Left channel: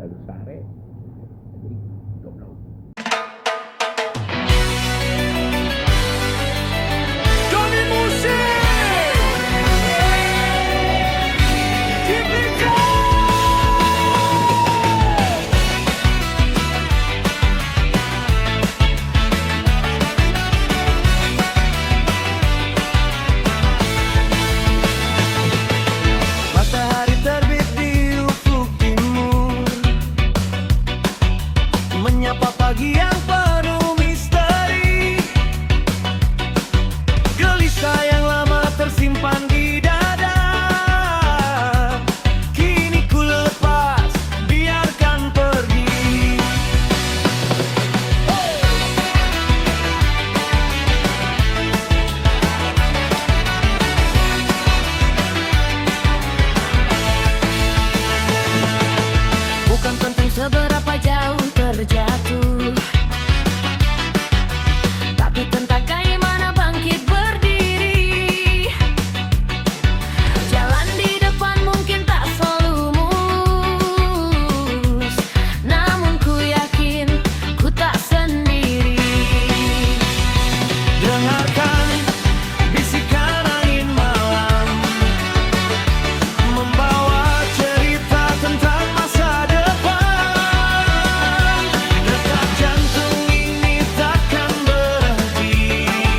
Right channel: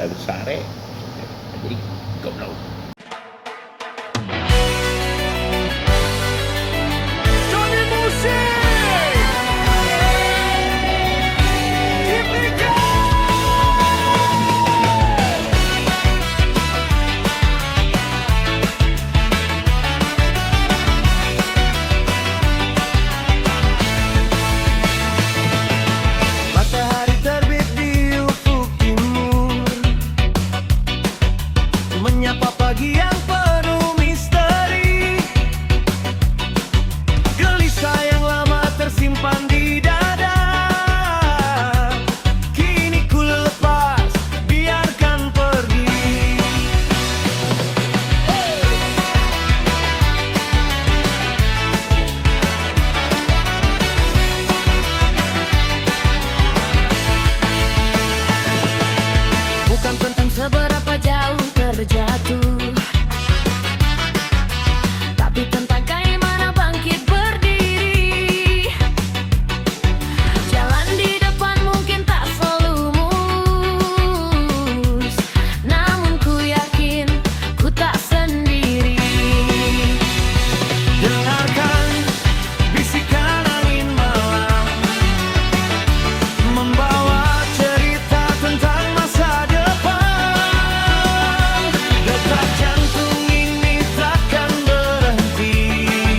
dari sare jadi goblok. Johnny Musik Ciplika. Matahari terbit di ufuk timur, menyapa pagi yang penuh misteri. Gelisah yang lama tersimpan di dada, kini ku lepas, biarkan pergi. Bukan tentang seberapa jauh terjatuh, tapi tentang kayak mana bangkit berdiri. Jalan di depan mungkin tak selalu mulus, namun ku yakin ku tak sendiri. Dengarkan bisikan angin malam, membawa cerita tentang masa depan. Detak jantung ini takkan berhenti.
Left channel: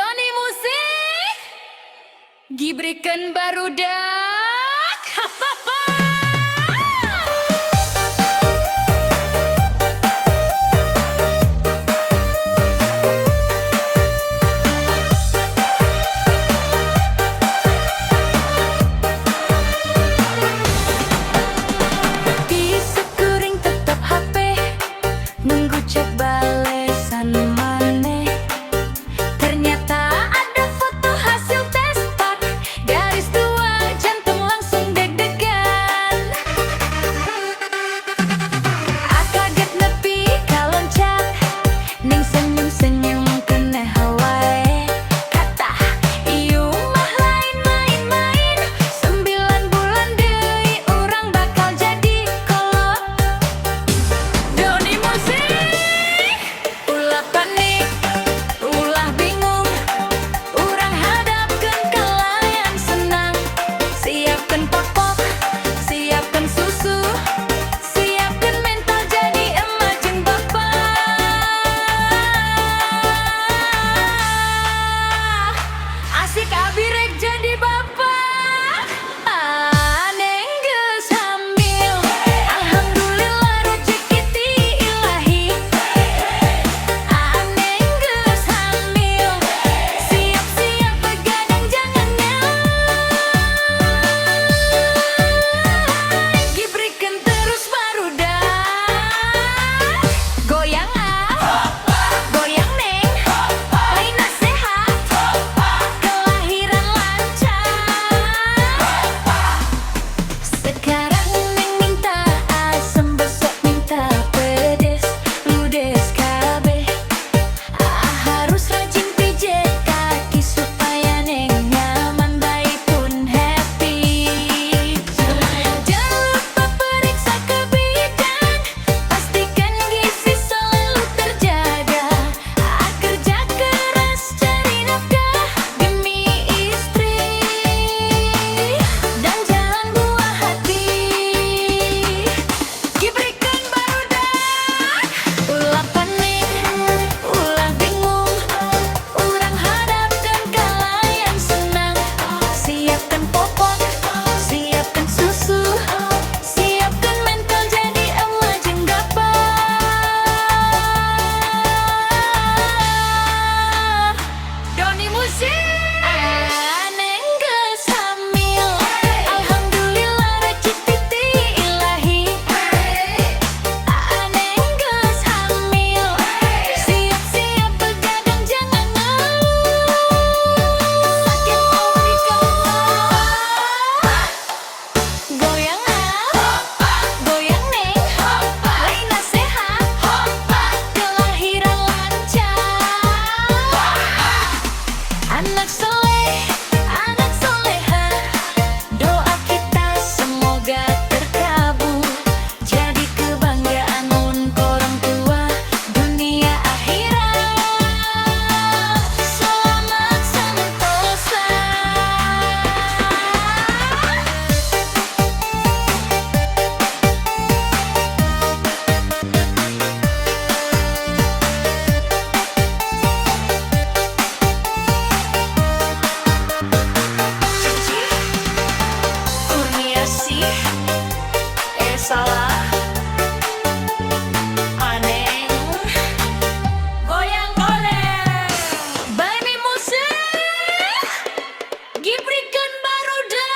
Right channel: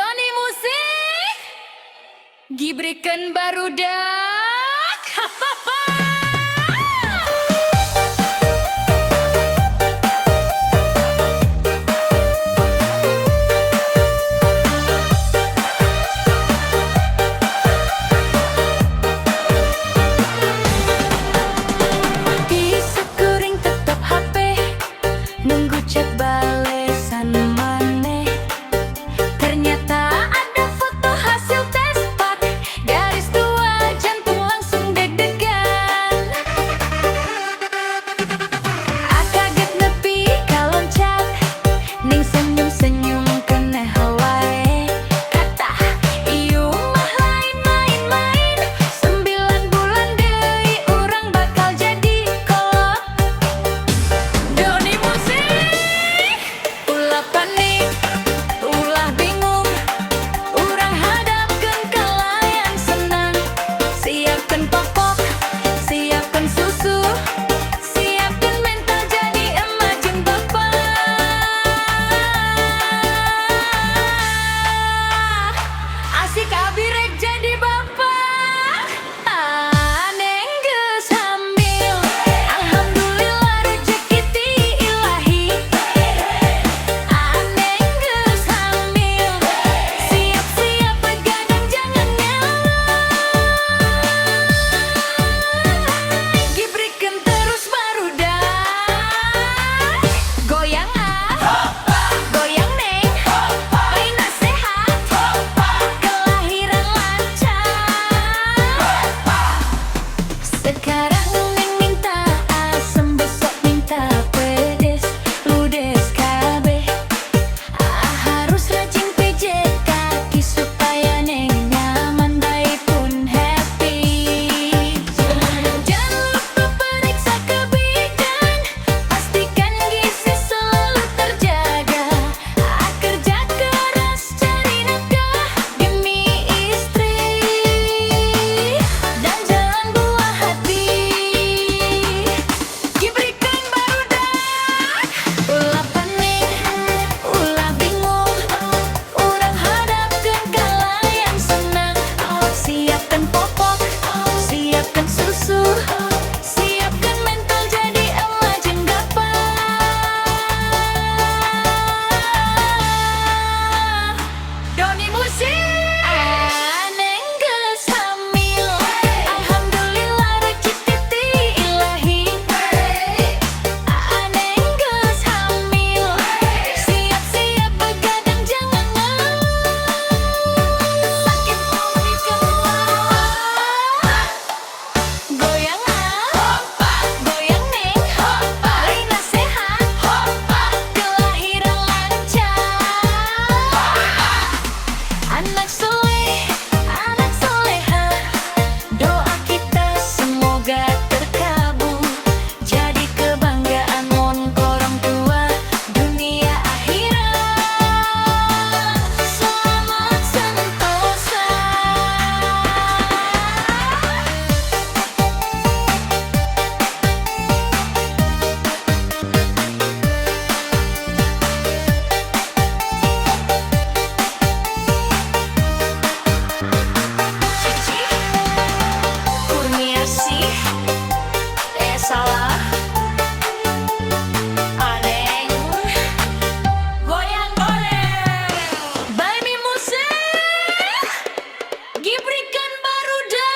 Doni Musik Gibrikan barudak. Di sekuring tetap HP nunggu chat balesan maneh. Ternyata ada foto hasil tes pak, garis 2 jantung langsung deg-degan. Kaget nepi kaloncat, ning senyum-senyum keneh wae. Kata ieu mah lain main-main, 9 bulan deui urang bakal jadi kolot. Doni Musik ulah panik, ulah bingung, urang hadapkeun kalayan senang. Siapkeun popok, siapkeun susu, siapkeun mental jadi emak jeung bapak. Asik abi rek jadi bapak. Neng geus hamil, alhamdulillah rezeki ti ilahi. Neng geus hamil, siap-siap begadang jangan ngelak. Gibrikeun terus barudak. Goyang goyang neng, baina sehat, kelahiran lancar. Sekarang neng minta asem, besok minta pedes, ludes kabeh. Harus rajin pijet kaki supaya neng nyaman, bayi pun happy. Jangan lupa periksa ke bidan, pastikan gizi selalu terjaga. Kerja keras cari nafkah demi istri, dan jalan buah hati. Gibrikan barudak, ulah panik, ulah bingung, urang hadapkeun kalayan senang. Siapkeun popok, siapkeun susu, siapkeun mental jadi emak jeung gapah. Doni Musik neng geus hamil, alhamdulillah rezeki ti ilahi. Neng geus hamil, siap-siap begadang jangan ngeluh. Sakit mau dikeluar. Goyang goyang neng, baina sehat, kelahiran lancar. Anak soleh, anak soleha, doa kita semoga terkabul. Jadi kebanggaan mun korong tua, dunia akhirat. Selamat sentosa. Cici Kurniasih, salah. Aneng goyang goleng. Baimi Musik Gibrikan barudak.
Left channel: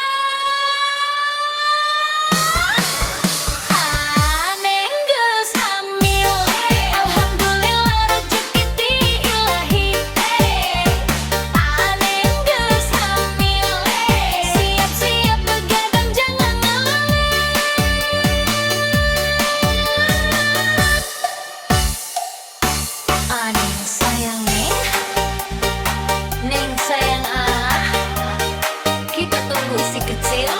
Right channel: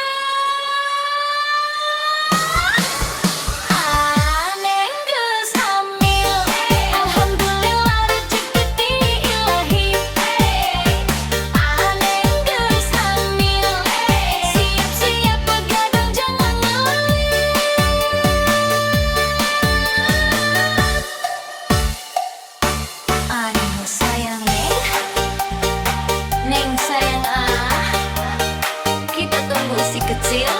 Neng geus hamil, alhamdulillah rezeki ti ilahi. Neng geus hamil, siap-siap begadang jangan ngeluh. Neng sayang neng sayang kita tunggu si kecil.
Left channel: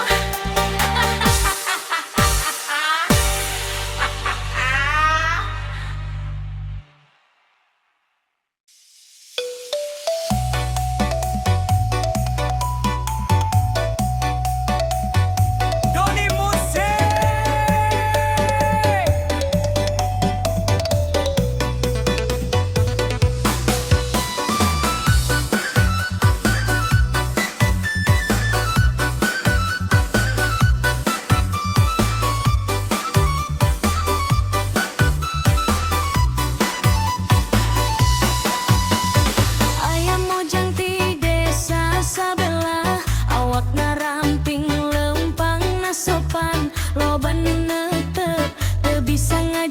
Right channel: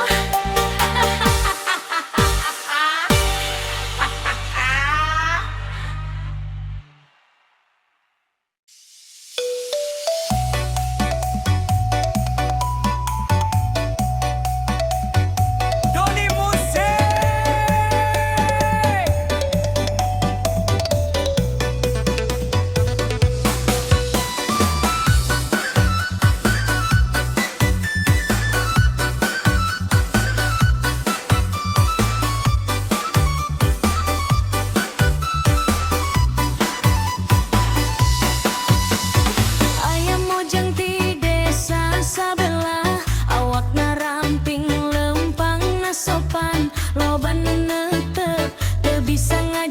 Doni Musik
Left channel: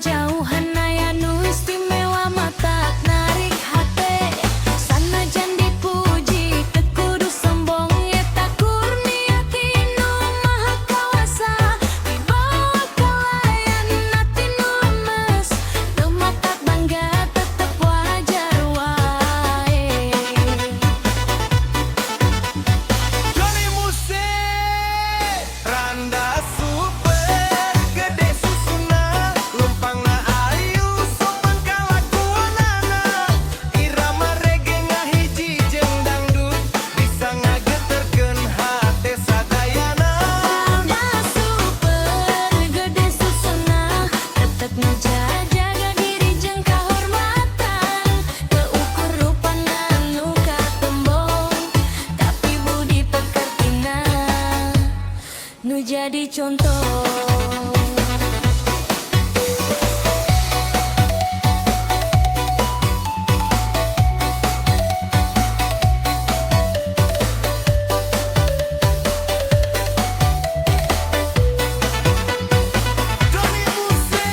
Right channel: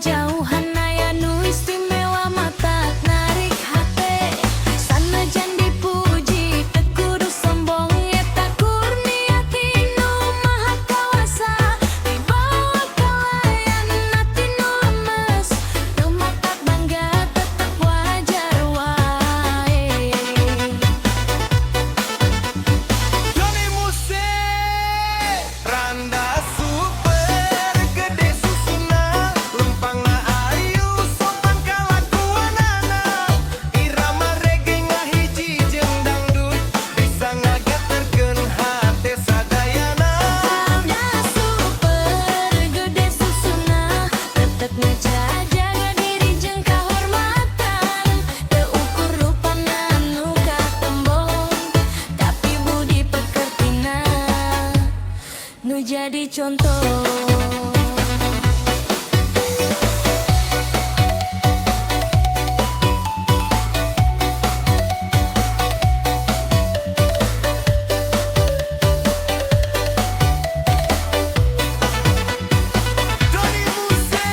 jauhan aya nu istimewa mata narik hate sanajan dipuji teu kudu sombong eta kurnia ti nu maha kawasa dibawa kalayan hati nu lemes teu matak bangga tetep wajar wae. Johnny Muse Randa super gede susuna lempangna ayu sopan kalakuanana irama reggae ngahiji jeung dangdut bisa ngageterkeun hate sadayana. Randa super gede susuna tetep ngejaga diri jeung kahormatan teu ukur rupana nu katembong tapi budi pekertina nu jadi contoh. Johnny Muse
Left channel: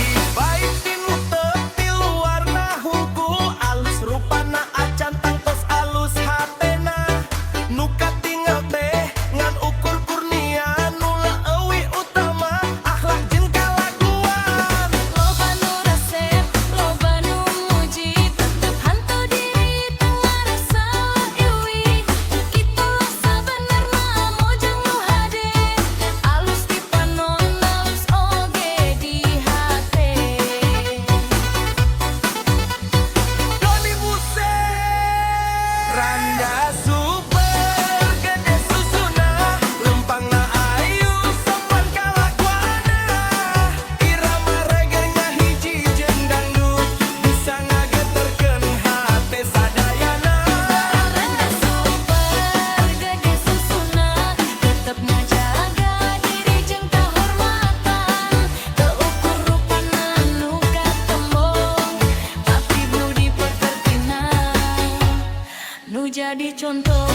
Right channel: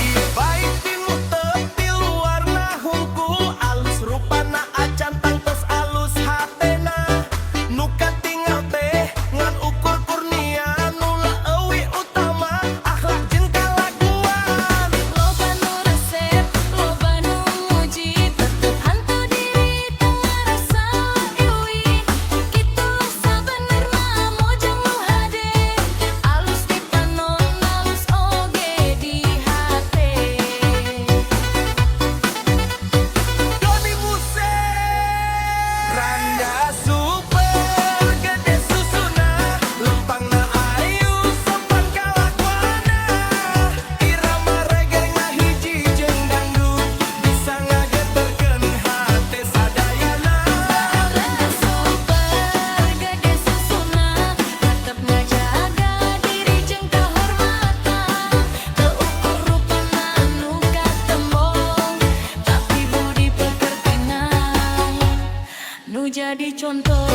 Ibaitin mutep di luarna hungkul alus rupana acan tangtos alus hatena nu katinggal teh ngan ukur kurnia nu leuwih utama akhlak jeung kalakuan. Loba nu resep, loba nu muji, tetep hantu diri tengah rasa iwi. Kitulah sabenerna mojang nu hade, alus dipanon, alus oge di hate. Johnny Muse Randa super gede susuna lempangna ayu sopan kalakuana irama reggae ngahiji jeung dangdut bisa ngageterkeun hate sadayana. Randa super gede susuna, tetep ngajaga diri jeung kahormatan teu ukur rupana nu katembong tapi budi pekertina nu jadi contoh.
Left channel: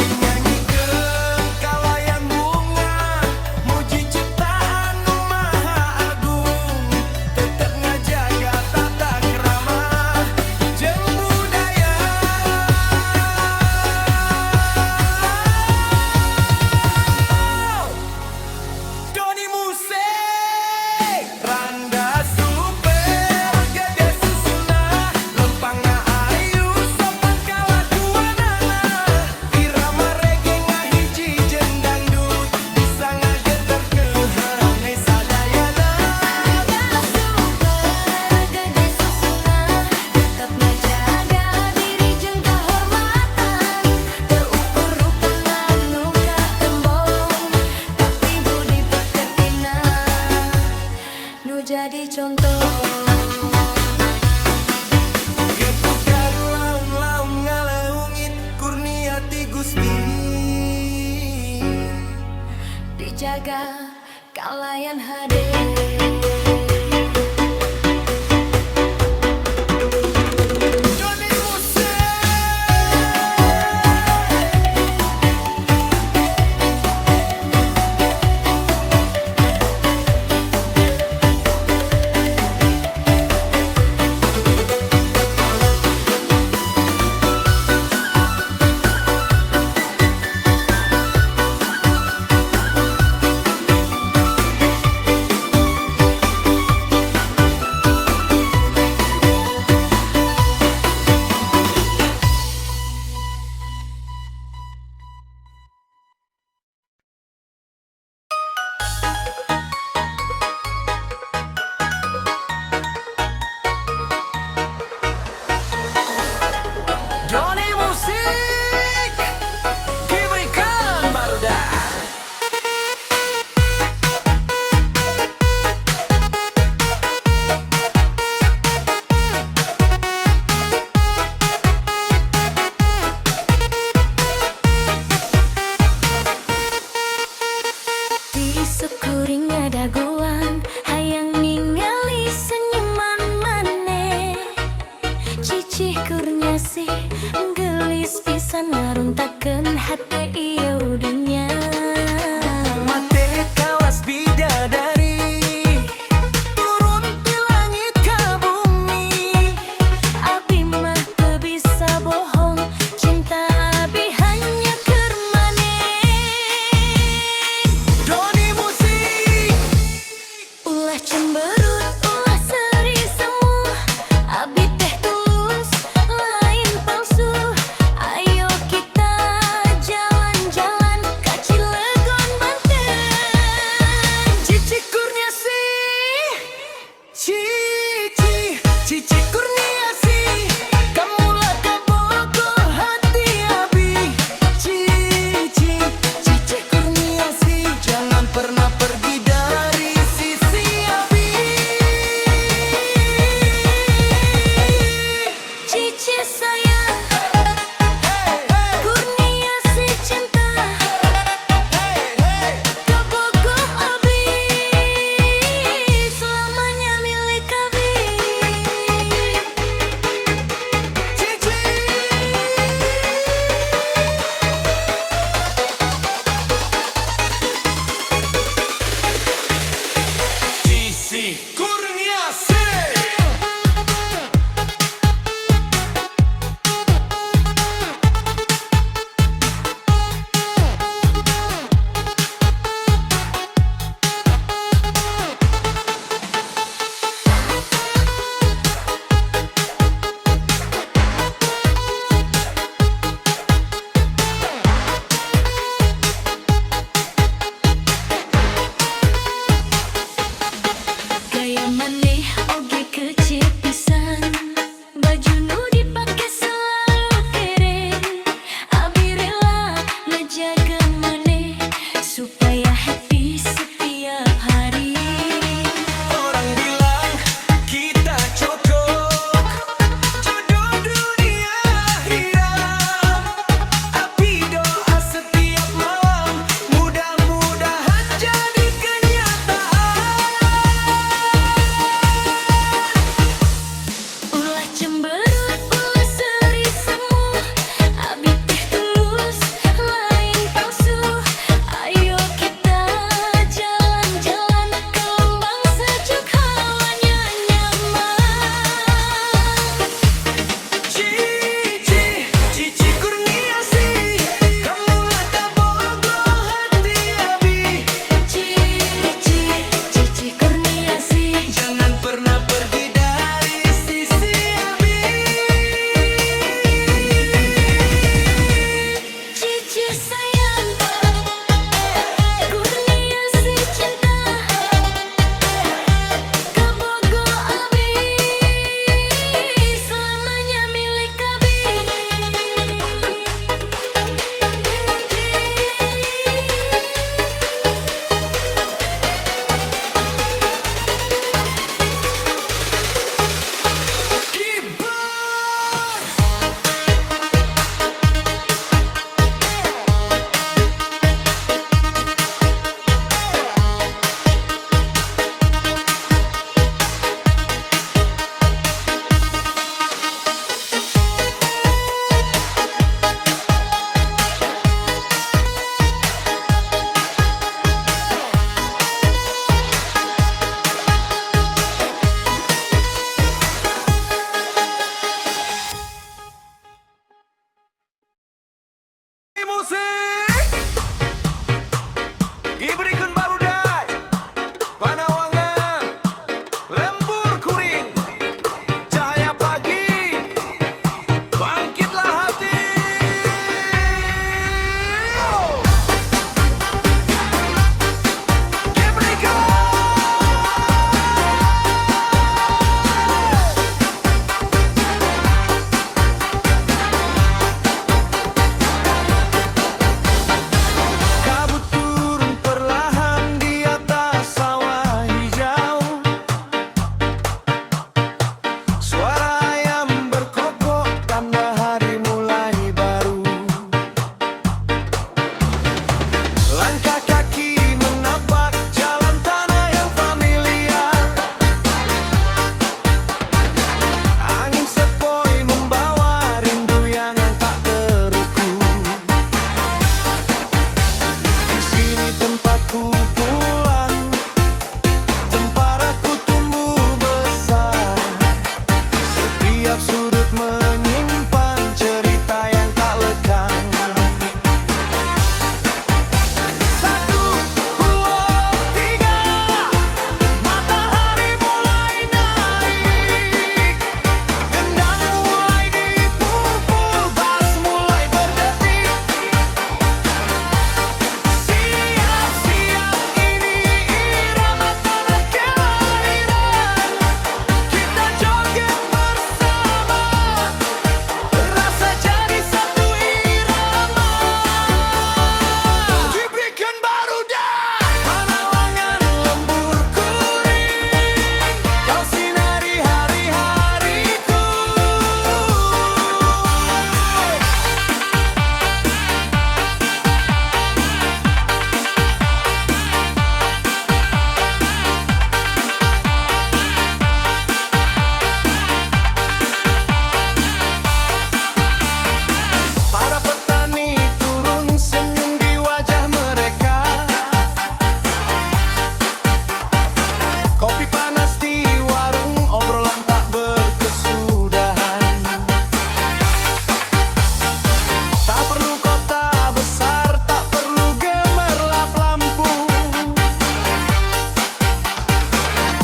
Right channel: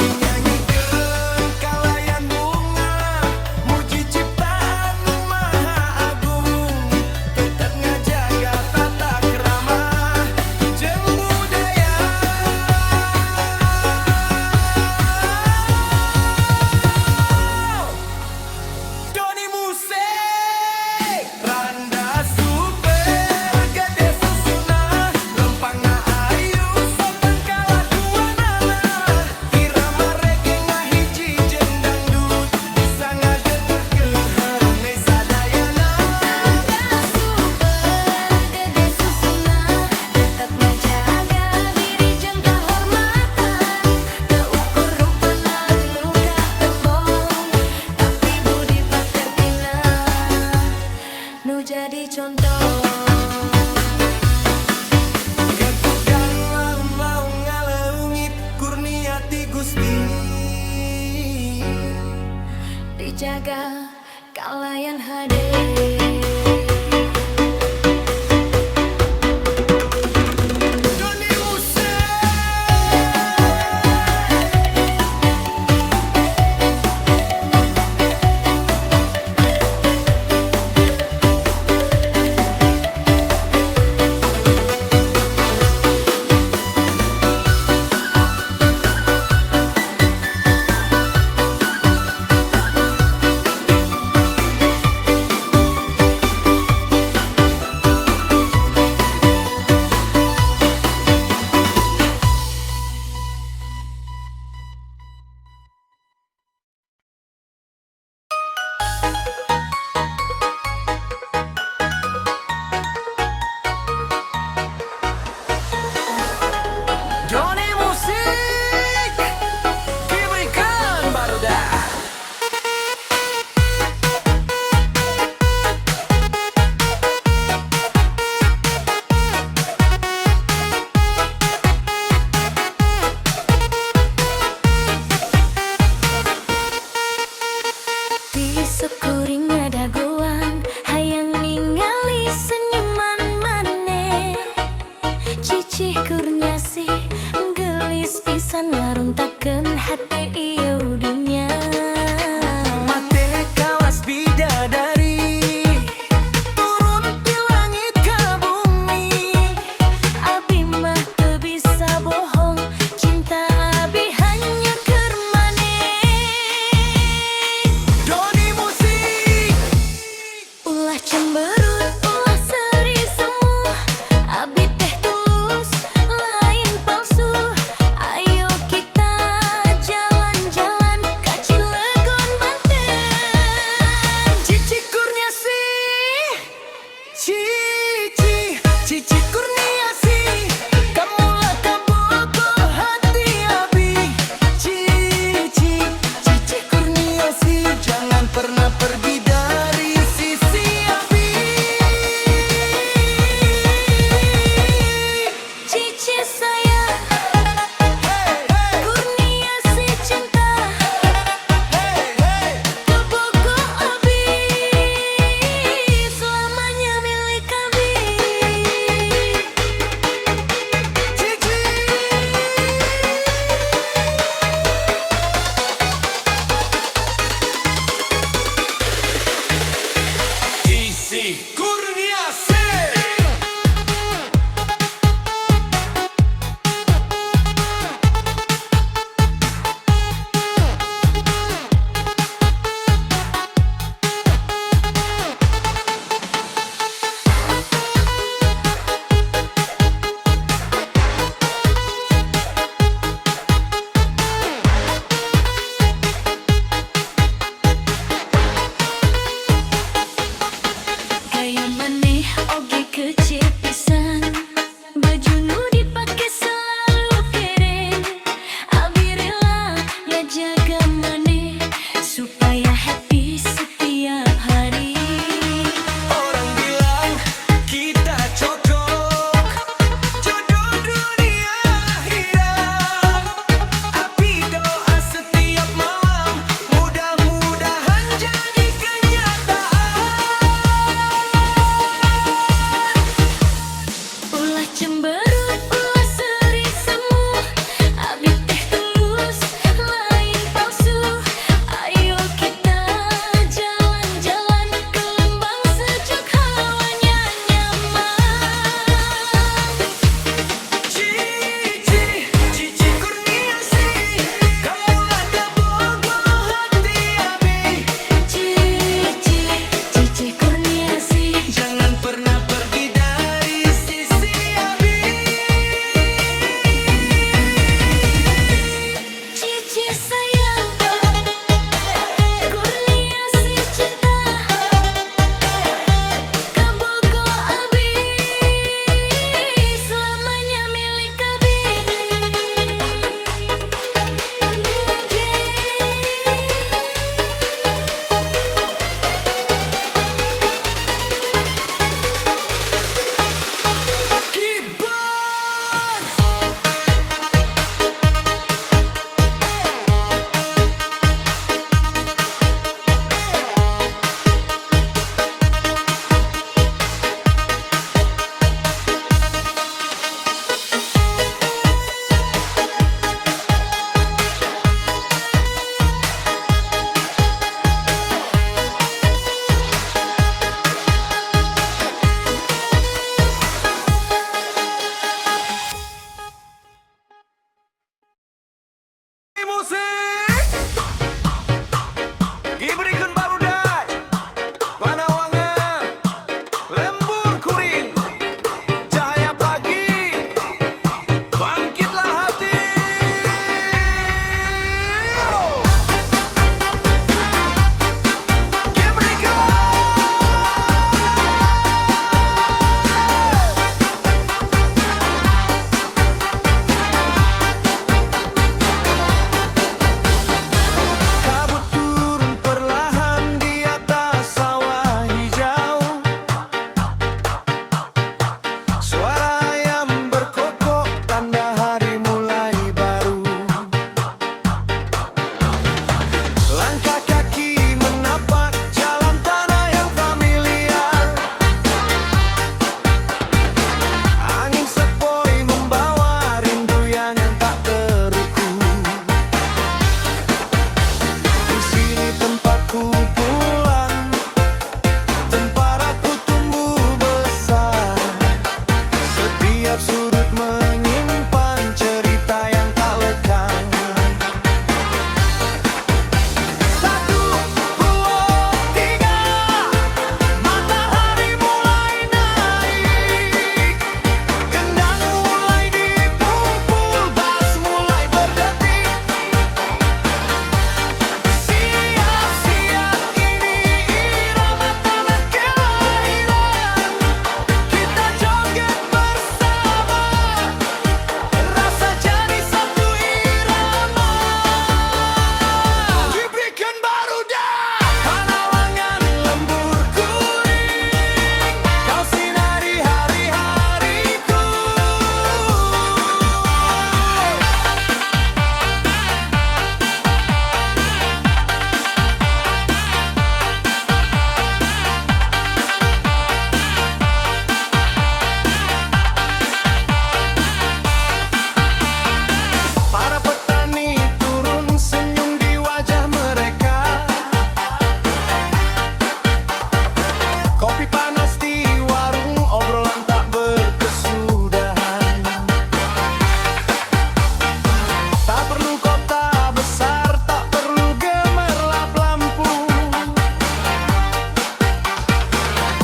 Dinyanyikan kalayan bunga muji ciptaan nu maha agung tetep ngajaga tata krama jeung budaya. Johnny Muse Randa super gede susuna lempangna ayu sopan kalakuanana irama reggae ngahiji jeung dangdut bisa ngageterkeun sadayana. Randa super gede susuna, tetep ngajaga diri jeung kahormatan teu ukur rupana nu katembong tapi budi pekertina nu jadi contoh. Ketukan laun-laun ngaleungit kurnia ti Gusti Dijaga kalayan hade. Kurniasih gelis pisan ngaruntakeun hate ieu dunya. Mate kawas bidadari turun ti langit ka bumi. Abi mah teu bisa bohong, cinta abi hanya keur maneh. Doni musik Ulah cemberut, ulah seri semu, abi teh tulus, lain palsu. Ayo kita jalan-jalan ka Cilegon, Banten. Cici Kurniasih, Cici Kurniasih, kamulah kabogoh hati abi. Cici Kurniasih, jangan pernah pergi dari sisi abi. Cici sayang, Hey, hey, Kurniasih cinta, hey, hey. kabogoh abi, selamanya milik abi. Cici Kurniasih. perlu kota besar, tak perlu gemerlap lampu.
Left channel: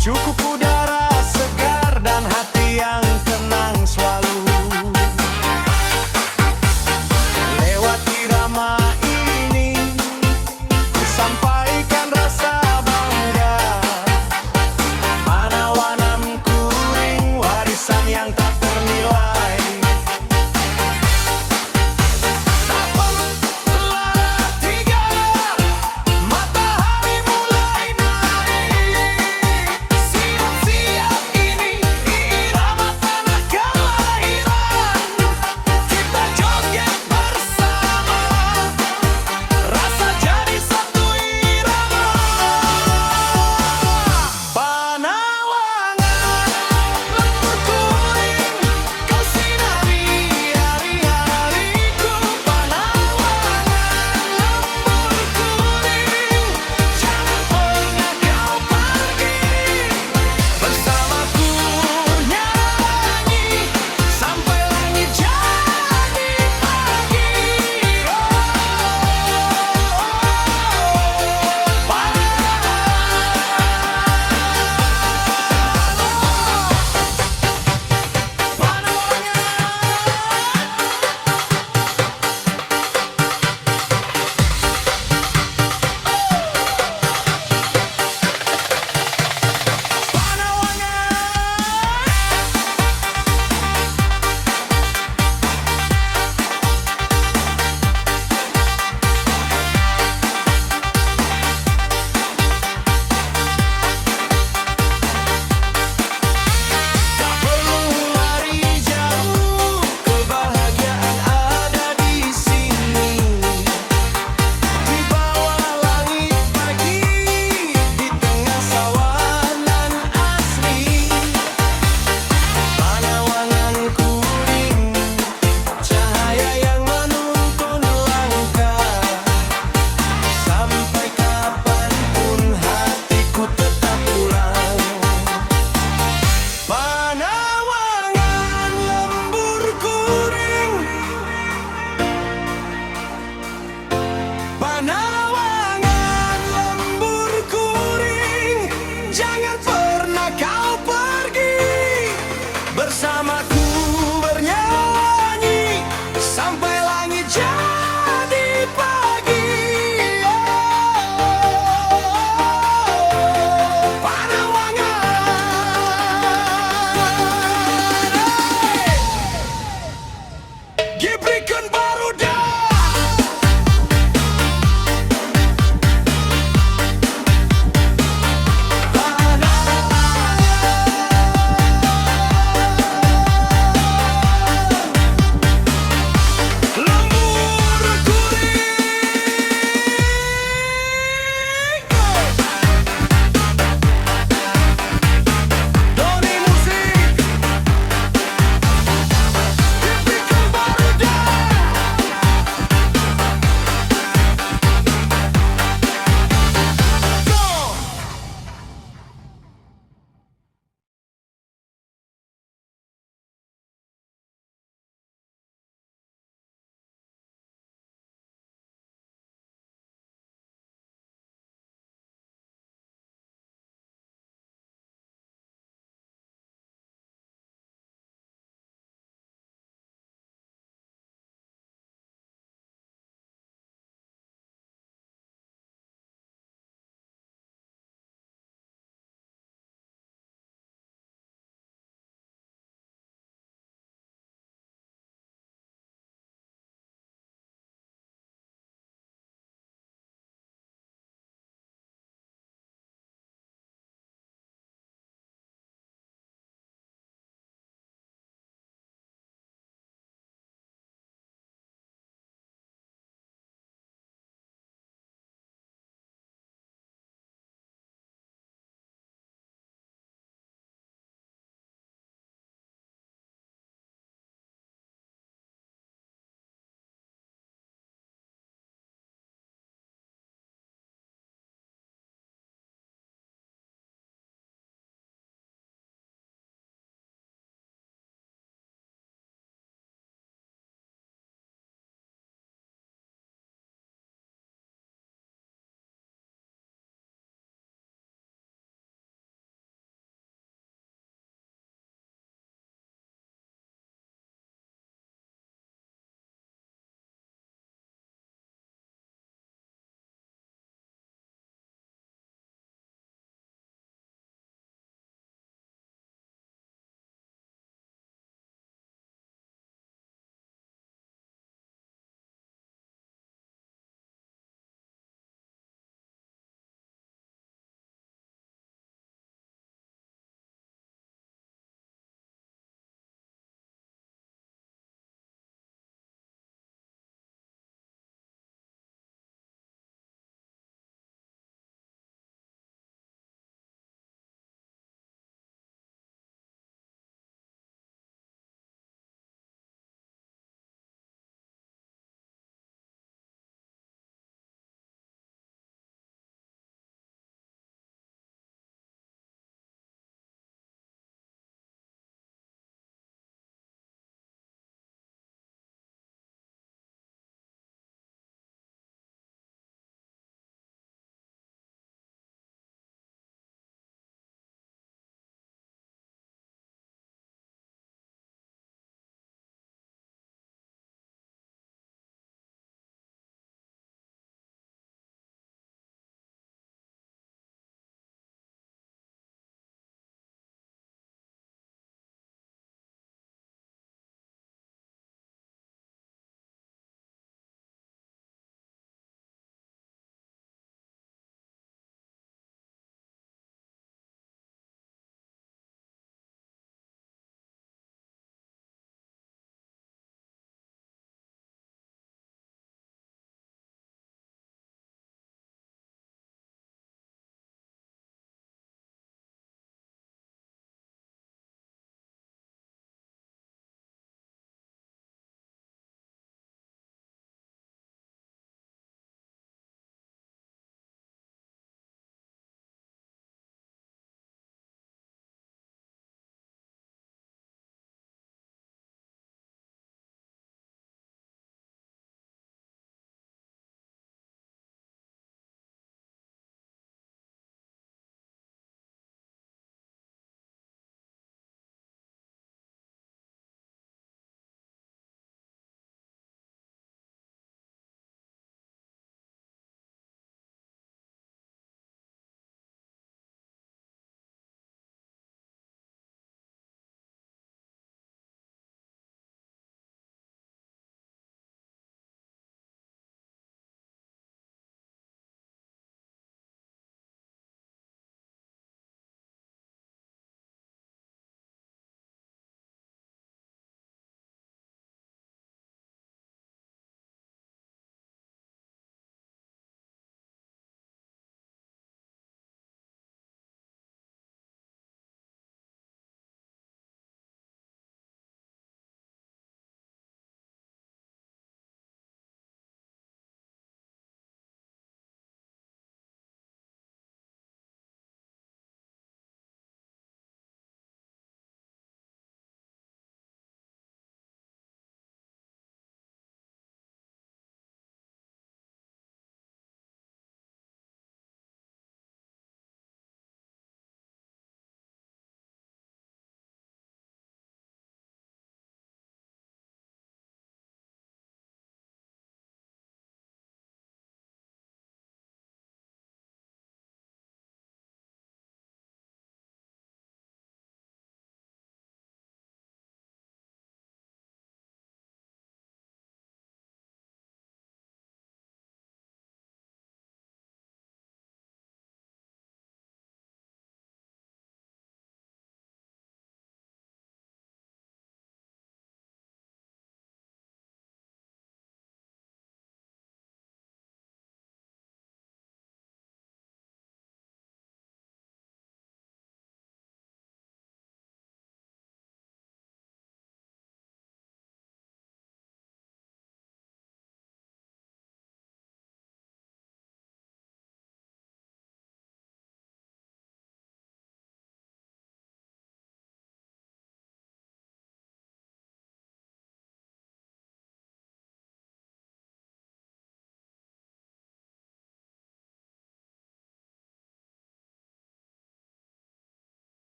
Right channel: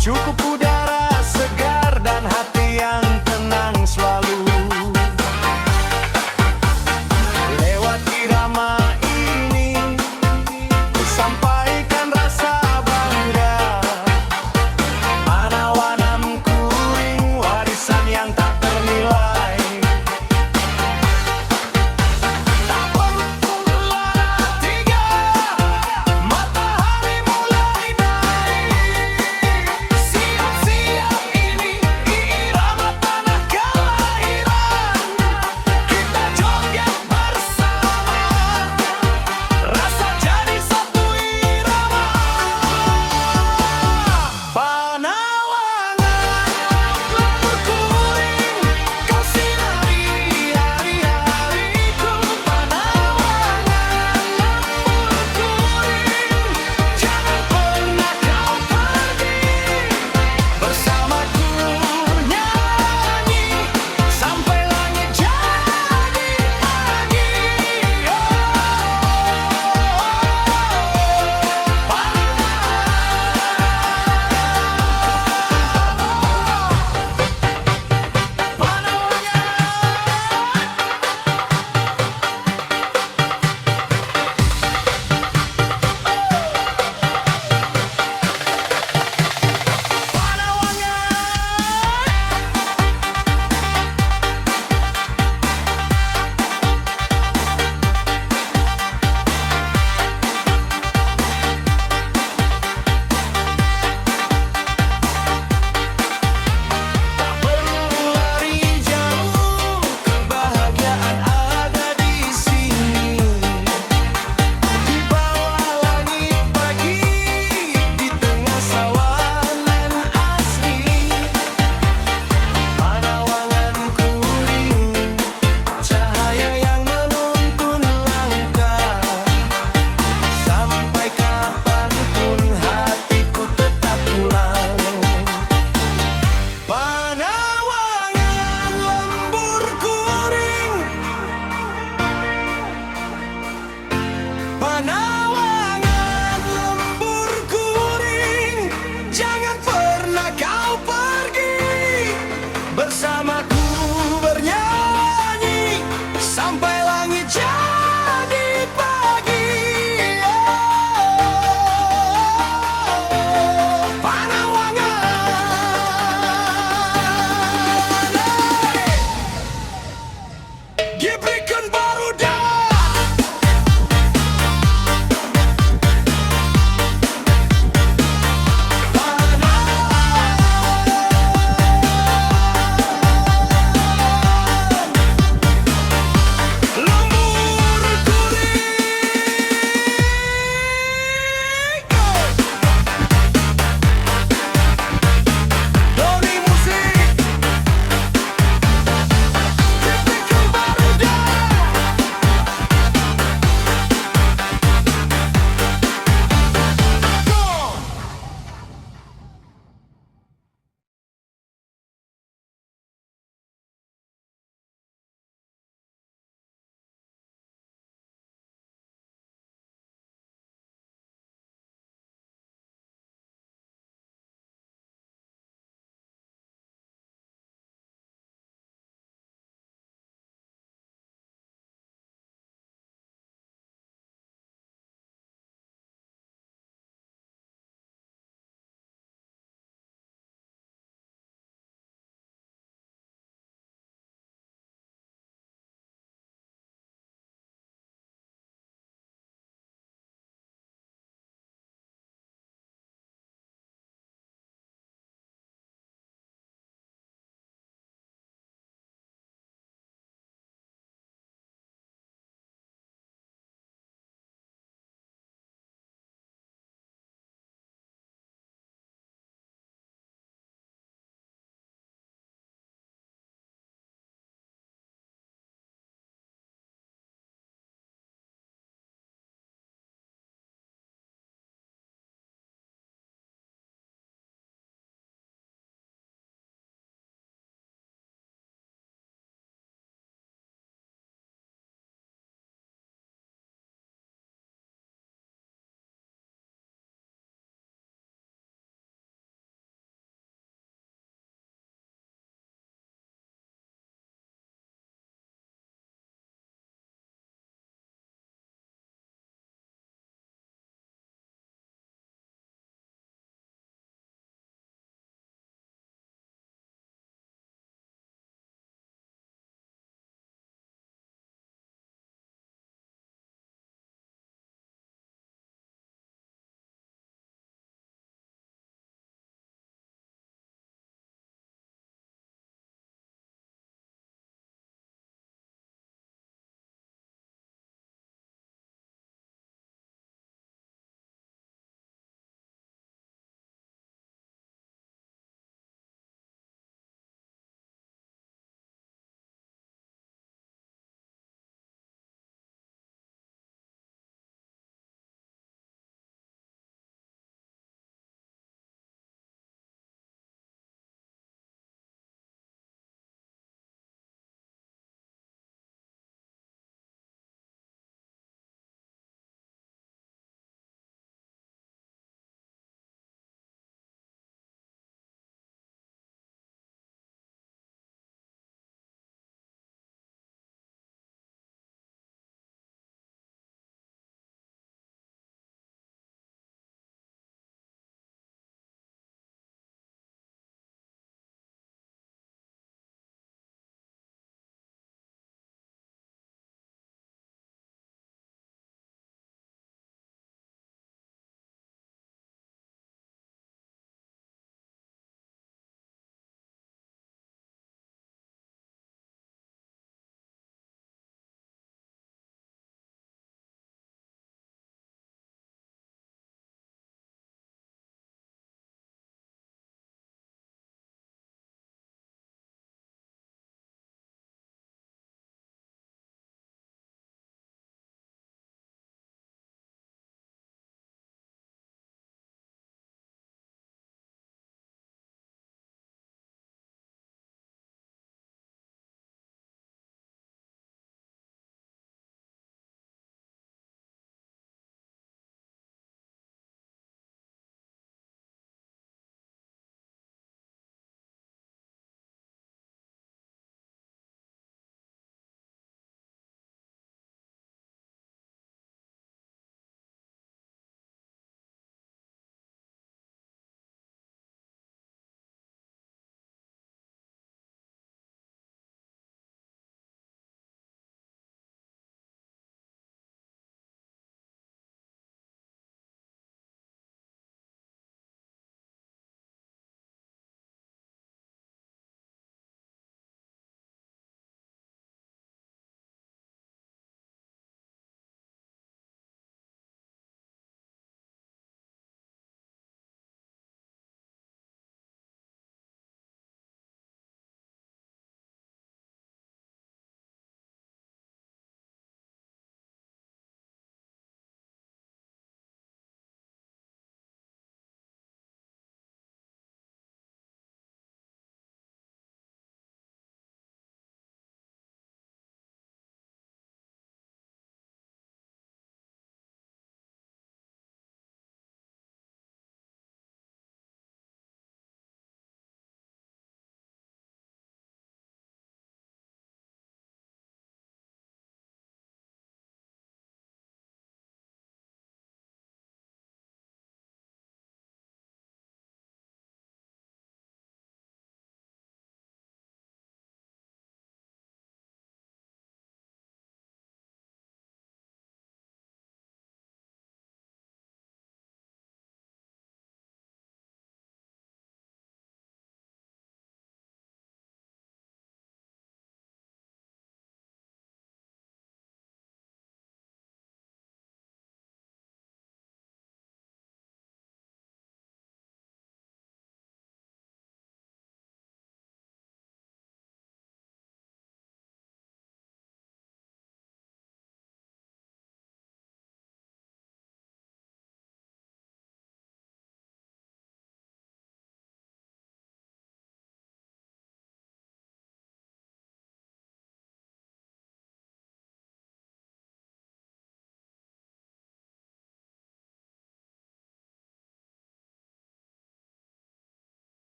Cukup udara segar dan hati yang tenang selalu. Lewat irama ini ku sampaikan rasa bangga. Panawanam Kuring, warisan yang tak ternilai. Tak perlu lada tiga, matahari mulai naik. Siap-siap ini irama tanah kelahiran. Kita joget bersama, rasa jadi satu irama. Panawangan lembur kuring, kau sinari hari-hariku. Panawangan lembur kuring, jangan pernah kau pergi. Bersamaku nyanyi sampai langit jadi pagi. Tak perlu lari jauh, kebahagiaan ada di sini. Di bawah langit pagi, di tengah sawanan asri. Panawangan Kuring, cahaya yang menuntun langkah. Sampai kapanpun hatiku tetap pulang. Panawangan lembur kuring, Panawangan lembur kuring, jangan pernah kau pergi. Bersamaku bernyanyi sampai langit jadi pagi. Panawangan, hey! Gibrikan baru